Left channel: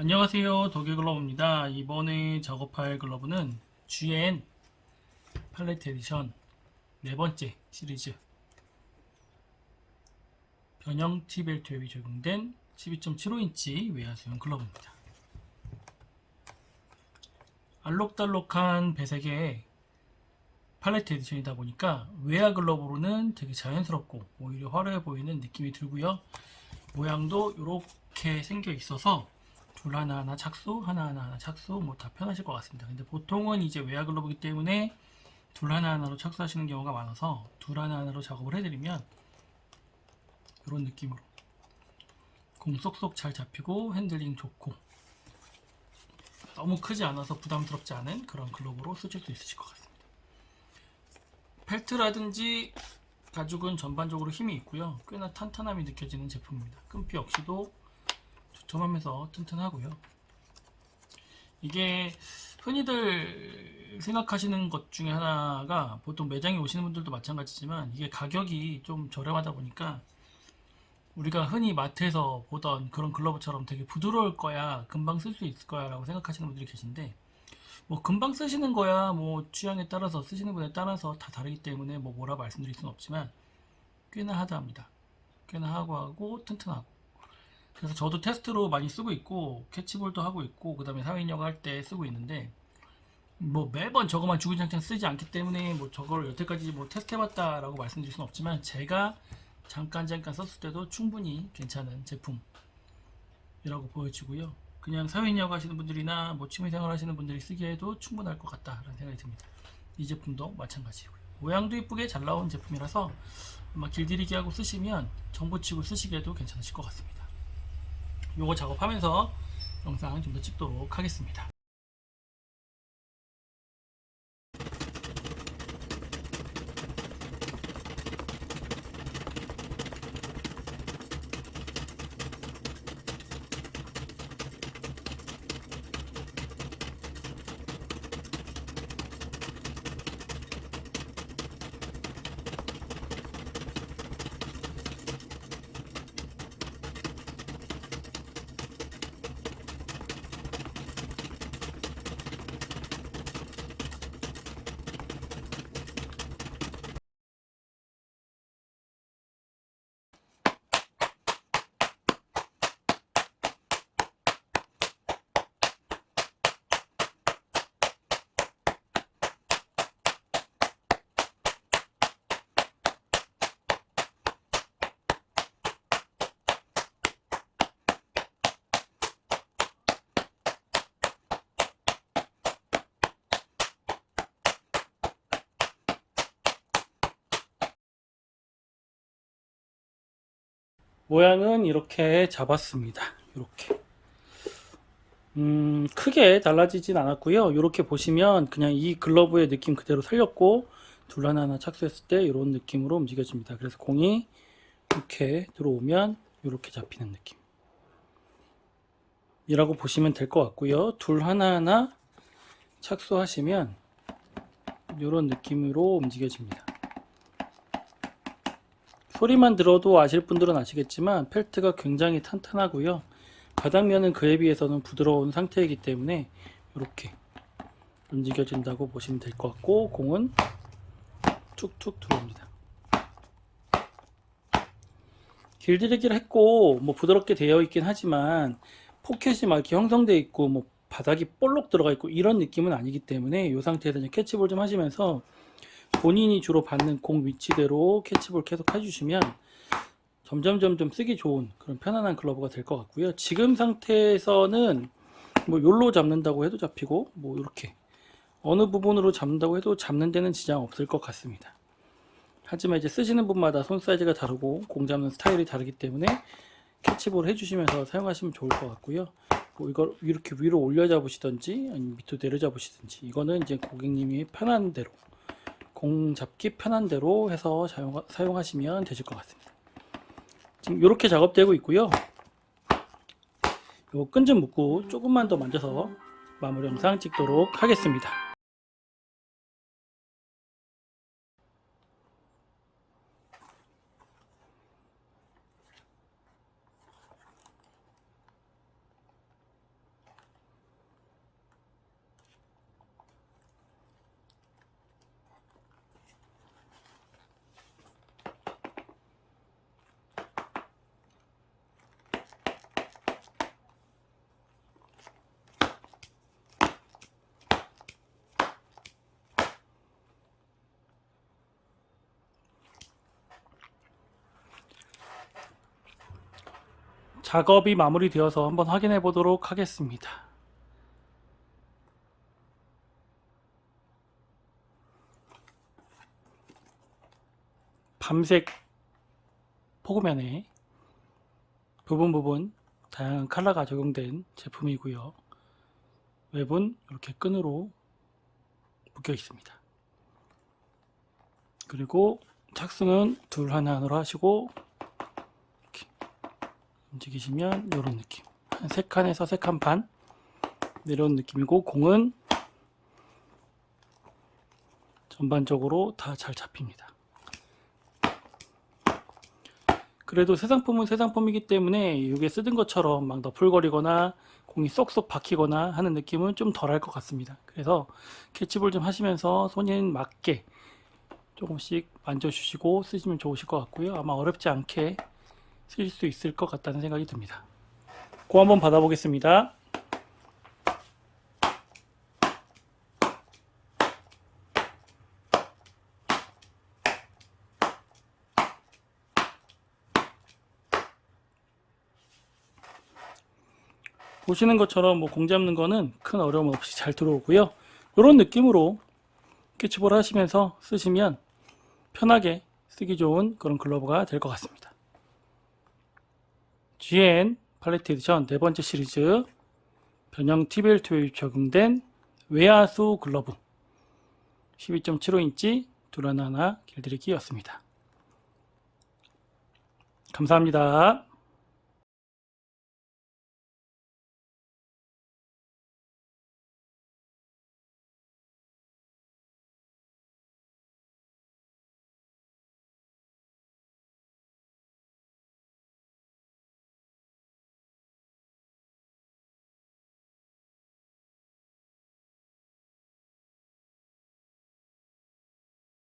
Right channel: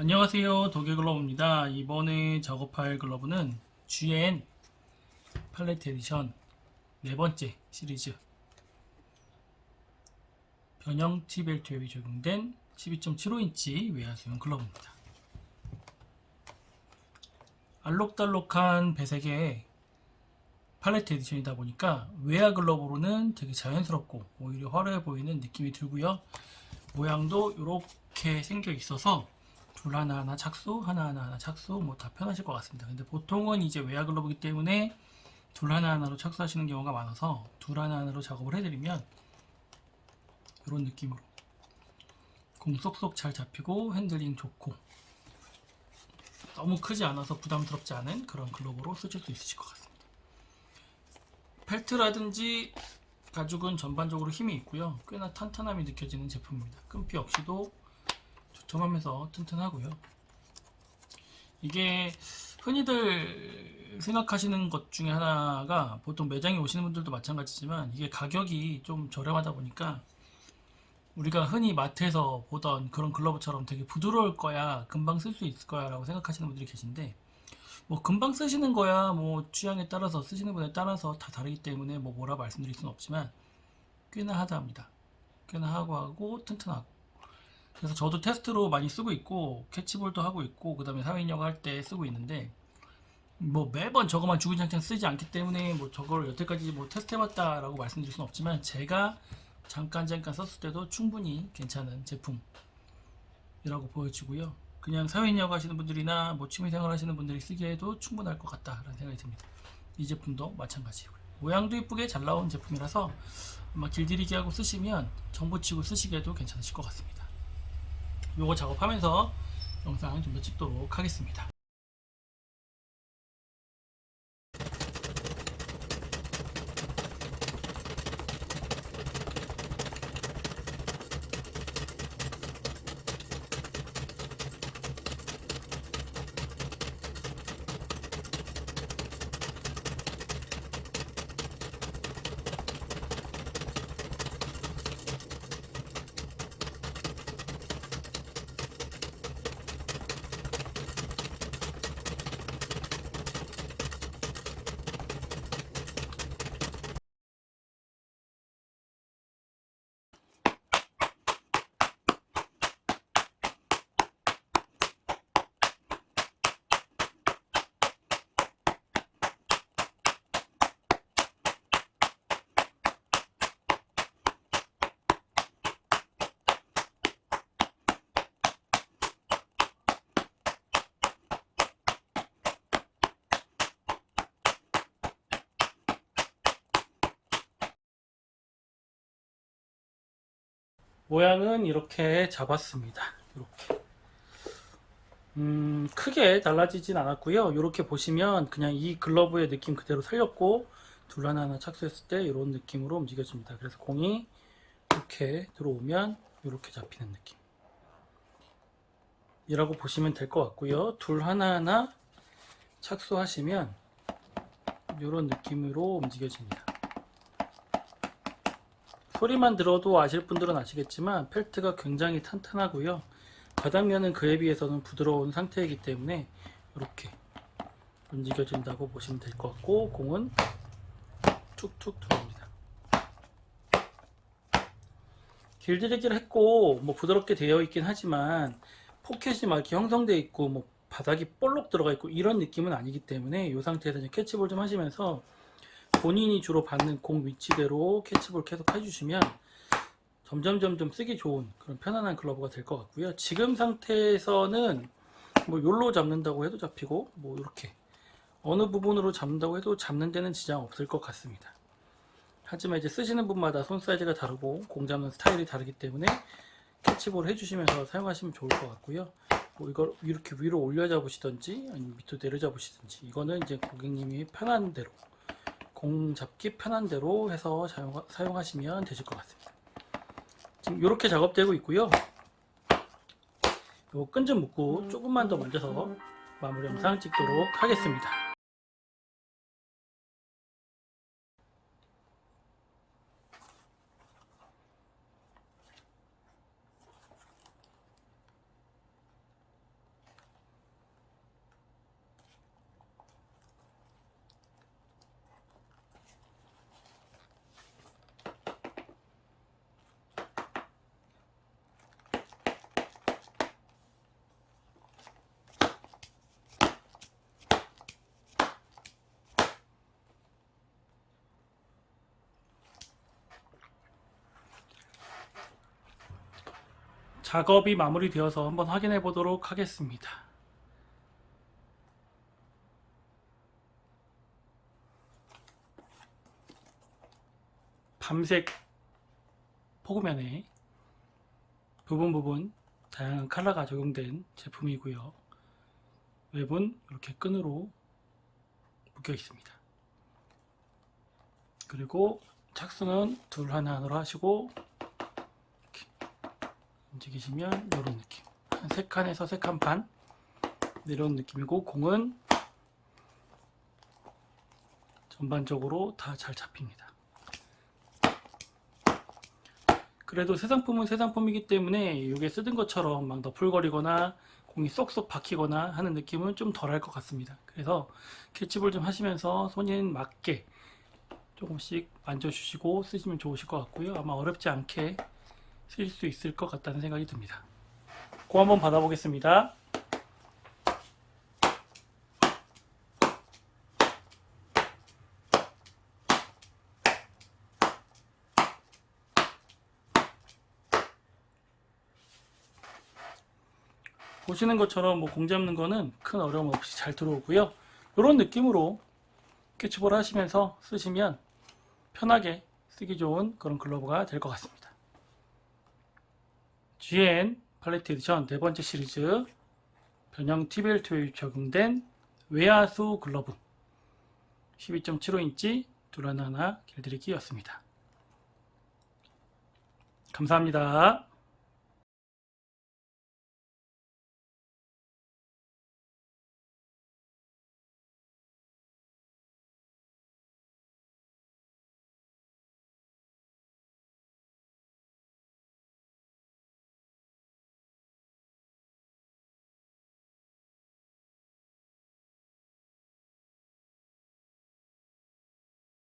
안녕하세요. 도개글러브입니다. 이번에 작업할 글러브는 GN 팔레트 에디션 네 번째 시리즈. 변형 T벨트 웹이 적용된 12.75인치 외야수용 글러브입니다. 알록달록한 배색의 팔레트 에디션이다 보니까 외야 글러브로는 되게 자연스럽고 오히려 화려해 보이는 느낌이 들고요. 모양도 이렇게 생겨 있어서 둘 하나하나 착수, 하나하나 착수, 뭐다 편하실 것 같습니다. 근데 보통은 이제 외야 글러브이기 때문에 둘 하나하나로 착수하시는 경우가 많아서 둘 하나하나로 작업을 해드리면 이런 느낌으로 공 쏙쏙 잘 잡히고 핸들링 좋고 너무 크지 않아서 부담스럽지 않은 그런 글러브로 쓰실 수 있으실 것 같습니다. 펠트라든지 가죽은 전반적으로 힘이 있고요. 꽤나 탄탄함이 느껴지는 제품입니다. 끈피 역시도 조tom하면서 튼튼하고요. 이게 흔히들 생각하시는 것 중에 하나가 보통 매장에 오시는 분들도 마찬가지지만 이게 가격이 좀 저렴하다 보니까 우리가 흔히 마트에서 보던 그런 글러브처럼 되게 부드러울 거야 금방 쓸 수 있을 거야 라고 생각하시는 분들이 계신데 뭐 금방 쓰시는 거야 뭐 취향에 따라서 쓰시는 분에 따라서 다 다르기 때문에 뭐 뭐라 말씀드릴 수는 없지만 꽤나 하다합니다 꽤나 하고 하고 튼튼하고 그래서 저도 테스트로 많이 쓰고 있고 캐치볼도 하고 있고 그 다음에 사회인역 할때 쓰고 있는데 뭐 매번 저거만 주구장창 쓰지 않기 때문에 뭐 저걸 여태까지 뭐 테스트 해봤다 라고 말씀드릴 수는 없지만 제가 잠깐 잠깐 썼을 때도 충분히 괜찮은 제품이라고 보여지고요. 그냥 사회인역 하시는 분들이나 뭐 취미생활 하시는 분들이 쓰기에도 충분할 것 같다라는 생각이 듭니다. 이 제품도 마찬가지고요. 모양도 이쁘게 잘 나온 제품이라서 아마 길들이기 하고 쓰시면 정보치고 쓰시기에도 괜찮으실 것 같습니다 요거 작업하면서 영상 좀 더 찍도록 하겠습니다. 모양은 이렇게 잡았습니다. 이렇게. 음, 크게 달라지진 않았고요. 이렇게 보시면 그냥 이 글러브의 느낌 그대로 살렸고 둘 하나하나 착수했을 때 이런 느낌으로 움직여집니다. 그래서 공이 이렇게 들어오면 이렇게 잡히는 느낌. 이라고 보시면 될 것 같고요. 둘 하나하나 착수하시면 이런 느낌으로 움직여집니다. 소리만 들어도 아실 분들은 아시겠지만 펠트가 굉장히 탄탄하고요. 바닥면은 그에 비해서는 부드러운 상태이기 때문에 이렇게 움직여진다고 보시면 될 것 같고 공은 툭툭 들어옵니다. 길들이기를 했고 뭐 부드럽게 되어 있긴 하지만 포켓이 막 이렇게 형성되어 있고 뭐 바닥이 볼록 들어가 있고 이런 느낌은 아니기 때문에 이 상태에서 캐치볼 좀 하시면서 본인이 주로 받는 공 위치대로 캐치볼 계속 해주시면 점점 점점 쓰기 좋은 그런 편안한 글러브가 될 것 같고요. 지금 상태에서는 뭐 요로 잡는다고 해도 잡히고 뭐 이렇게 어느 부분으로 잡는다고 해도 잡는 데는 지장 없을 것 같습니다. 하지만 이제 쓰시는 분마다 손 사이즈가 다르고 공 잡는 스타일이 다르기 때문에 캐치볼 해주시면서 사용하시면 좋을 것 같고요. 뭐 이걸 이렇게 위로 올려 잡으시던지 아니면 밑으로 내려 잡으시든지 이거는 이제 고객님이 편한 대로 공 잡기 편한 대로 해서 사용, 사용하시면 되실 것 같습니다. 지금 이렇게 작업되고 있고요. 요 끈 좀 묶고 조금만 더 만져서 마무리 영상 찍도록 하겠습니다. 작업이 마무리되어서 한번 확인해 보도록 하겠습니다. 밤색 포그면에 부분 부분 다양한 컬러가 적용된 제품이고요. 웹은 이렇게 끈으로 묶여 있습니다. 그리고 착승은 둘 하나 하나로 하시고 움직이시면 이런 느낌 한세 칸에서 세칸반 이런 느낌이고 공은 전반적으로 다 잘 잡힙니다. 그래도 새 상품은 새 상품이기 때문에 이게 쓰던 것처럼 막 너풀거리거나 공이 쏙쏙 박히거나 하는 느낌은 좀 덜할 것 같습니다. 그래서 캐치볼 좀 하시면서 손에 맞게 조금씩 만져주시고 쓰시면 좋으실 것 같고요. 아마 어렵지 않게 쓰실 수 있을 것 같다는 생각이 듭니다. 고 한번 받아보겠습니다. 보시는 것처럼 뭐 공 잡는 거는 큰 어려움 없이 잘 들어오고요. 이런 느낌으로 캐치볼 하시면서 쓰시면 편하게 쓰기 좋은 그런 글러브가 될 것 같습니다. GN 팔레트 에디션 네 번째 시리즈 변형 TBL2에 적용된 외야수 글러브 12.75인치 둘 하나 하나 길들이기였습니다. 감사합니다.